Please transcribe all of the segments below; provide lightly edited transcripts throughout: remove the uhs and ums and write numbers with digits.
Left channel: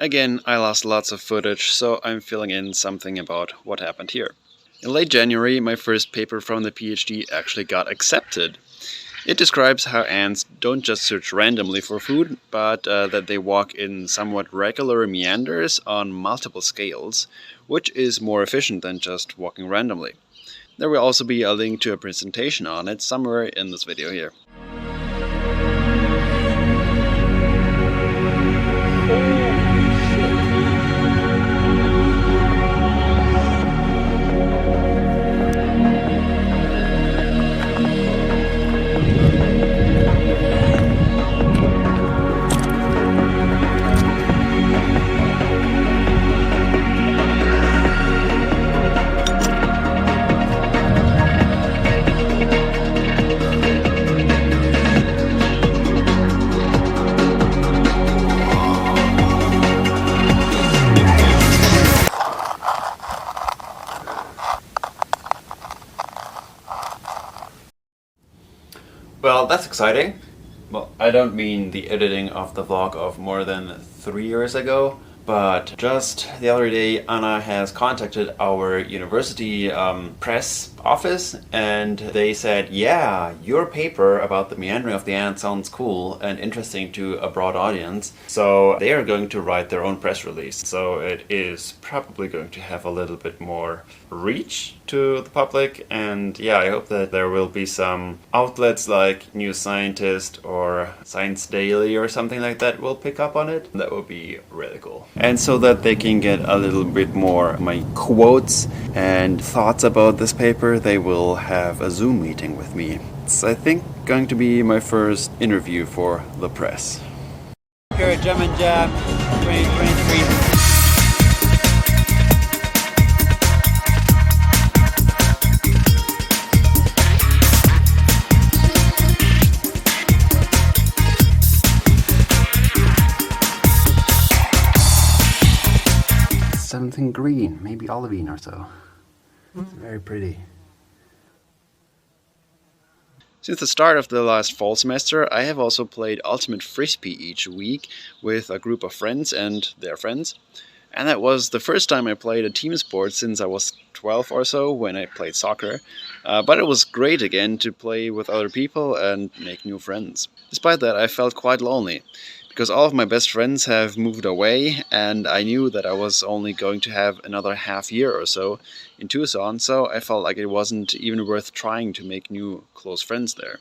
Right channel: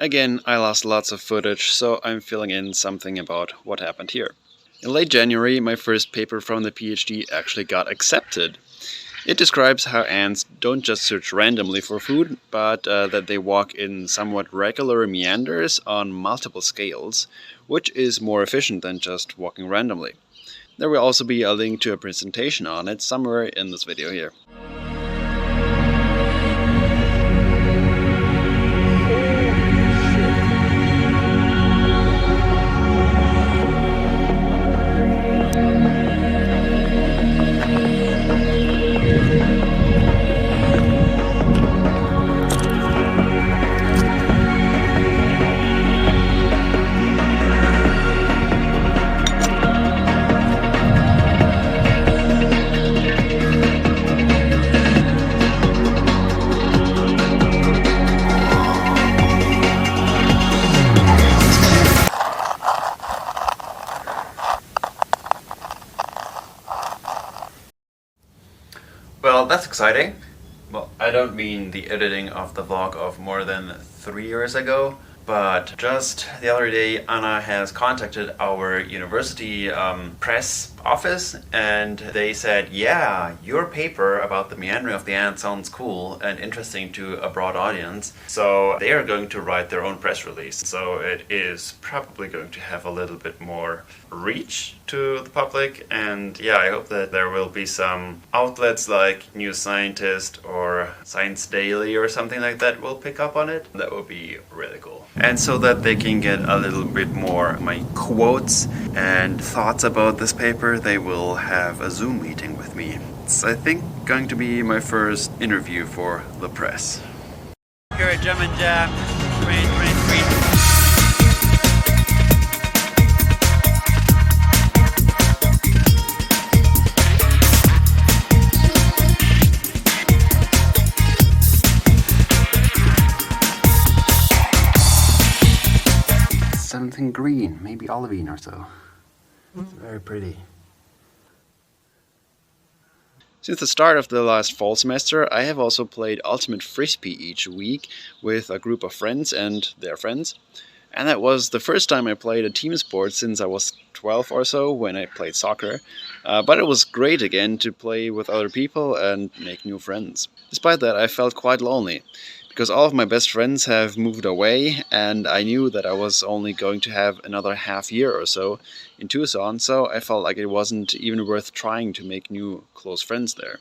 Again, I lost lots of footage, so I'm filling in something about what happened here. In late January, my first paper from the PhD actually got accepted. It describes how ants don't just search randomly for food, but that they walk in somewhat regular meanders on multiple scales, which is more efficient than just walking randomly. There will also be a link to a presentation on it somewhere in this video here. Well, that's exciting. Well, I don't mean the editing of the vlog of more than 3 years ago, but just the other day Anna has contacted our university press office and they said, yeah, your paper about the meandering of the ant sounds cool and interesting to a broad audience, so they are going to write their own press release. So it is probably going to have a little bit more reach to the public, and yeah, I hope that there will be some outlets like New Scientist or Science Daily or something like that will pick up on it. That would be really cool. And so that they can get a little bit more my quotes and thoughts about this paper, they will have a Zoom meeting with me. It's, I think, going to be my first interview for the press. Here at German Jam 2023. Something green, maybe olivine or so. It's very pretty. Since the start of the last fall semester, I have also played Ultimate Frisbee each week with a group of friends and their friends. And that was the first time I played a team sport since I was 12 or so when I played soccer. But it was great again to play with other people and make new friends. Despite that, I felt quite lonely, because all of my best friends have moved away and I knew that I was only going to have another half year or so in Tucson, so I felt like it wasn't even worth trying to make new close friends there.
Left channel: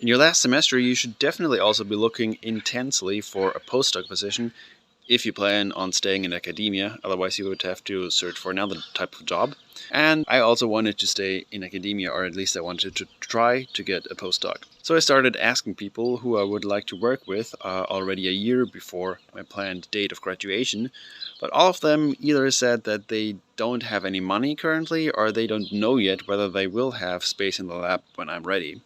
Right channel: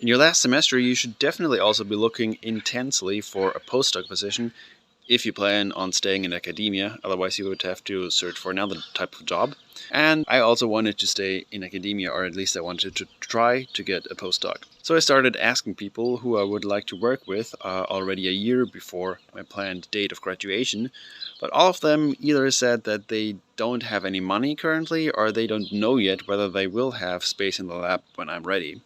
In your last semester, you should definitely also be looking intensely for a postdoc position if you plan on staying in academia, otherwise you would have to search for another type of job. And I also wanted to stay in academia, or at least I wanted to try to get a postdoc. So I started asking people who I would like to work with already a year before my planned date of graduation, but all of them either said that they don't have any money currently, or they don't know yet whether they will have space in the lab when I'm ready.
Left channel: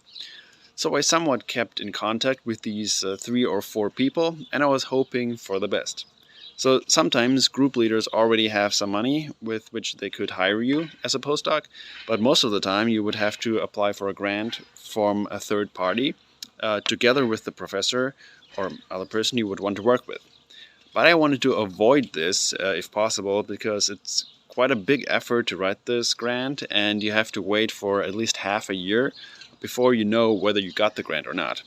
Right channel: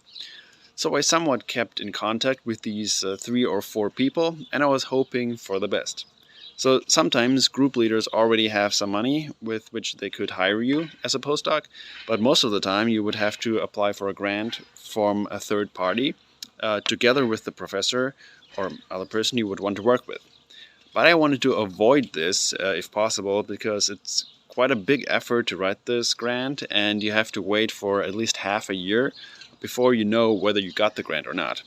So I somewhat kept in contact with these 3 or 4 people, and I was hoping for the best. So sometimes group leaders already have some money with which they could hire you as a postdoc, but most of the time you would have to apply for a grant from a third party, together with the professor or other person you would want to work with. But I wanted to avoid this if possible, because it's quite a big effort to write this grant, and you have to wait for at least half a year before you know whether you got the grant or not.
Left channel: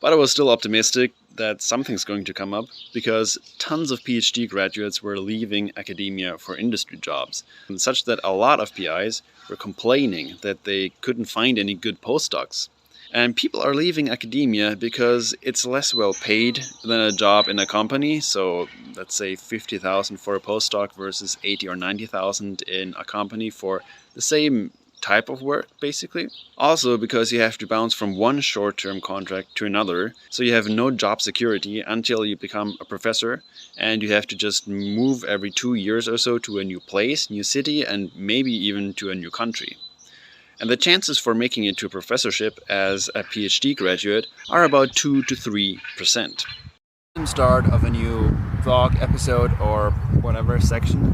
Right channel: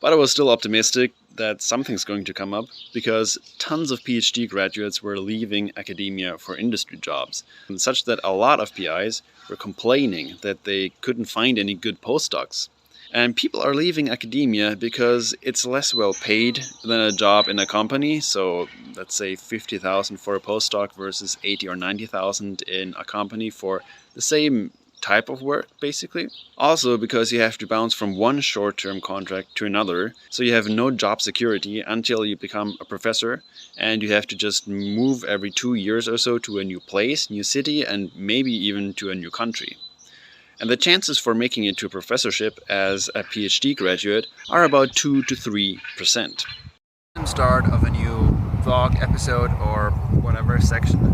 But I was still optimistic that something's going to come up, because tons of PhD graduates were leaving academia for industry jobs, and such that a lot of PIs were complaining that they couldn't find any good postdocs. And people are leaving academia because it's less well paid than a job in a company, so let's say 50,000 for a postdoc versus 80 or 90,000 in a company for the same type of work, basically. Also because you have to bounce from one short-term contract to another, so you have no job security until you become a professor, and you have to just move every 2 years or so to a new place, new city, and maybe even to a new country. And the chances for making it to a professorship as a PhD graduate are about 2 to 3%. Start of a new vlog episode or whatever section.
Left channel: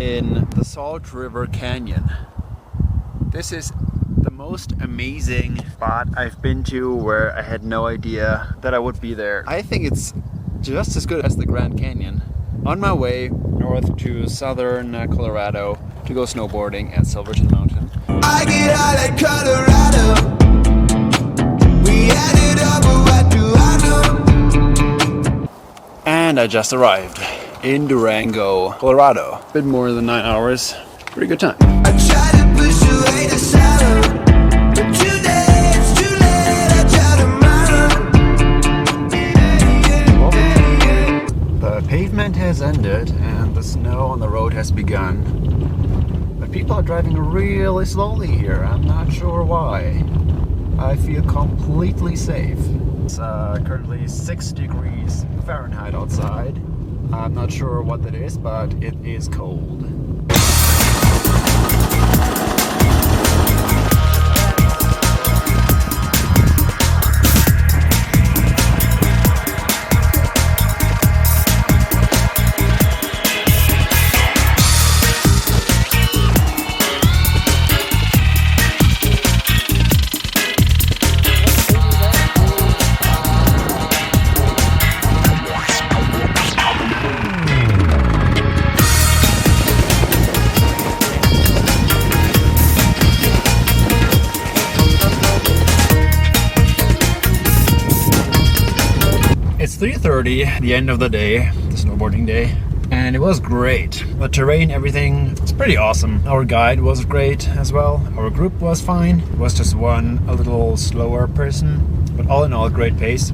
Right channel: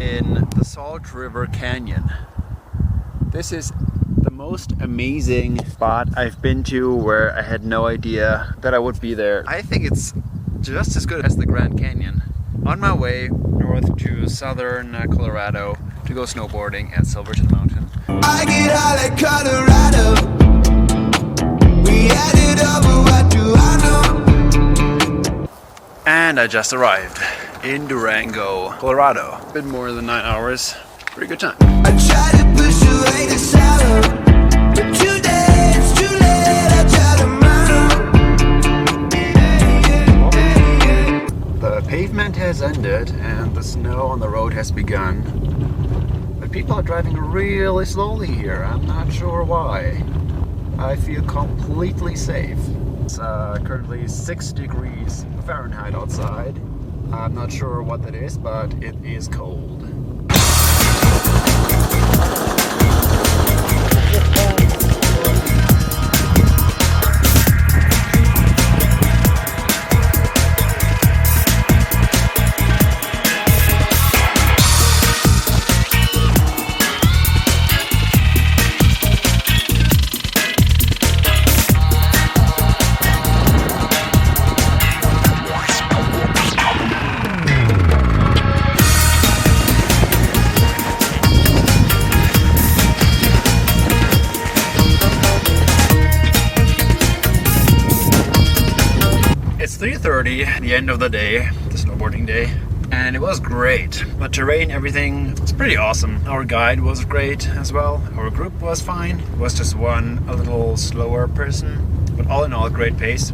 In the Salt River Canyon. This is the most amazing spot I've been to, where I had no idea that I would be there. I think it's just as good as the Grand Canyon. On my way north to southern Colorado to go snowboarding at Silverton Mountain. I get out of Colorado. We added up, what do I know? And I just arrived in Durango, Colorado. A bit more than 9 hours. Pretty good time. I tried to push away the sorrow, but today it's too late. I try tomorrow. The pavement has ended and the snow on the road has begun. But people are driving really slowly here. I'm not sure why. I feel completely safe. It's currently 6 degrees Fahrenheit outside. I'm not sure what that is, but it is cold. It's 3:30, the end of the day, the snowboarding day, and it was great. The terrain, everything, it's pretty awesome. Our guide was great as well. Our group was fine. It was just one a little slower person, but all in all, great pace.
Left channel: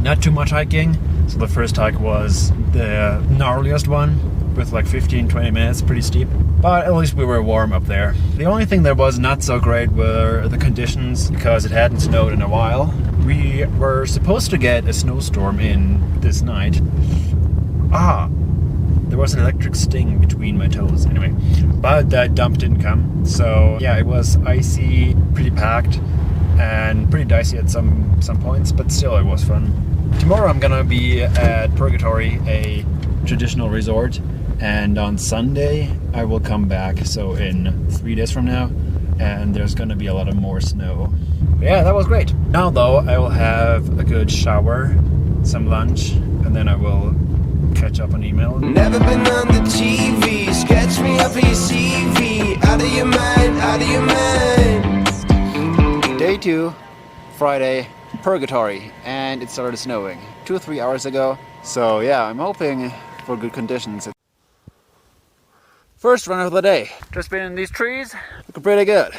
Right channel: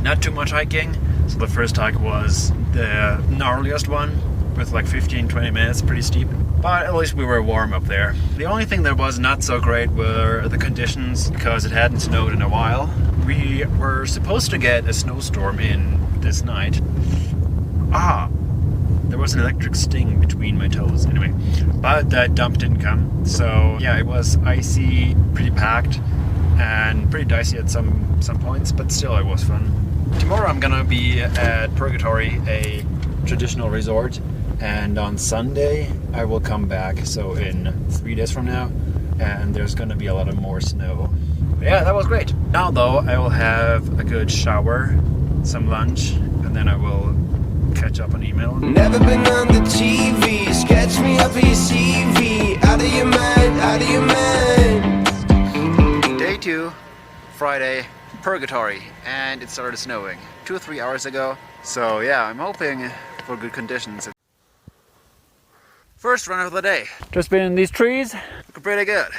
Not too much hiking. So the first hike was the gnarliest one with like 15-20 minutes, pretty steep. But at least we were warm up there. The only thing that was not so great were the conditions, because it hadn't snowed in a while. We were supposed to get a snowstorm in this night. There was an electric sting between my toes anyway. But that dump didn't come. So yeah, it was icy, pretty packed, and pretty dicey at some points, but still it was fun. Tomorrow I'm gonna be at Purgatory, a traditional resort. And on Sunday I will come back, so in 3 days from now, and there's gonna be a lot of more snow. But yeah, that was great. Now though, I will have a good shower, some lunch, and then I will catch up on email. Never been on the TV, sketch me up your CV, out of your mind, out of your mind. Day 2, Friday, Purgatory, and it started snowing 2 or 3 hours ago. So yeah, I'm hoping for good conditions. First run of the day. Just been in these trees, looking pretty good.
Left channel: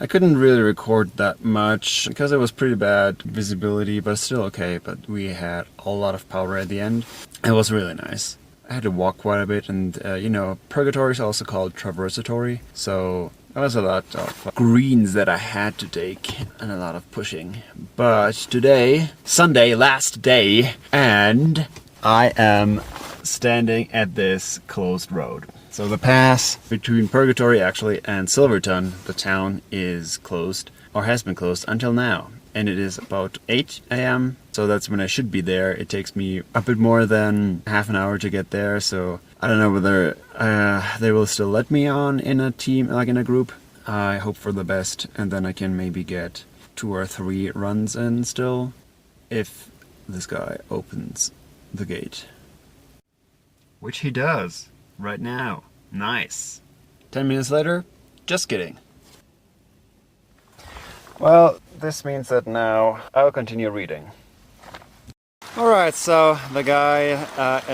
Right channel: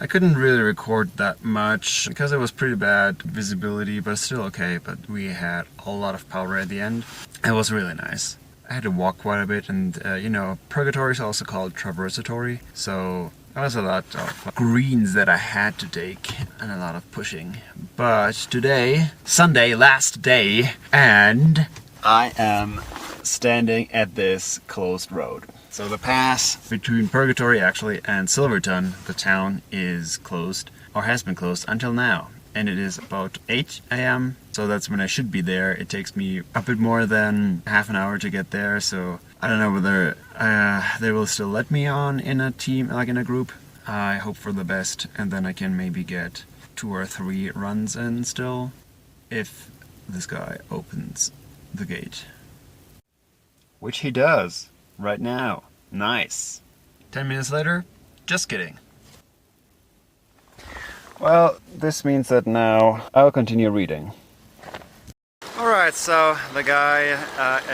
I couldn't really record that much because it was pretty bad visibility, but still okay. But we had a lot of power at the end. It was really nice. I had to walk quite a bit, and you know, Purgatory is also called Traversatory, so there was a lot of greens that I had to take and a lot of pushing. But today, Sunday, last day, and I am standing at this closed road. So the pass between Purgatory actually and Silverton, the town, is closed, or has been closed until now. And it is about 8 a.m. So that's when I should be there. It takes me a bit more than half an hour to get there. So I don't know whether they will still let me on in a team, like in a group. I hope for the best, and then I can maybe get 2 or 3 runs in still, if this guy opens the gate. Which he does right now. Nice. 10 minutes later, just kidding. Well, this means that now I will continue reading. Alright, so the guy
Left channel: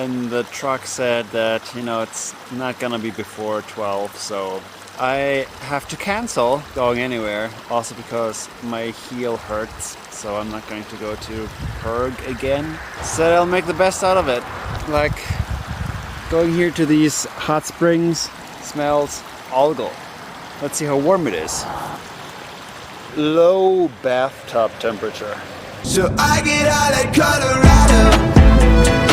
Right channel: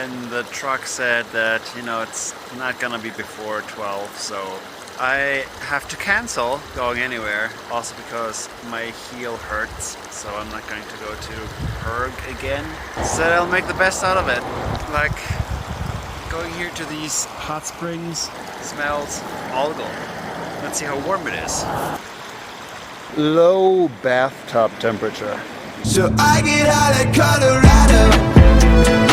in the truck said that, you know, it's not gonna be before 12, so I have to cancel going anywhere, also because my heel hurts, so I'm not going to go to Perg again. So I'll make the best out of it. Like, going here to these hot springs smells algal. Let's see how warm it is. Low bathtub temperature. So I get out of Colorado.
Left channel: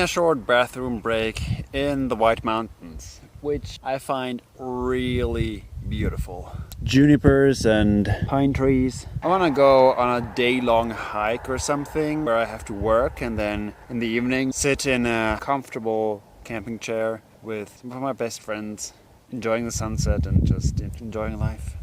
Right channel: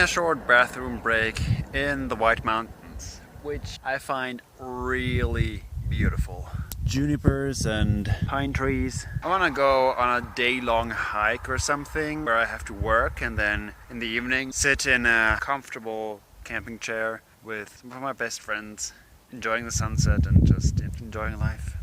a short bathroom break in the White Mountains, which I find really beautiful. Junipers and pine trees. I want to go on a day-long hike or something where I have to work, and then in the evening sit in a comfortable camping chair with one of my best friends, enjoying the sunset and just enjoying life.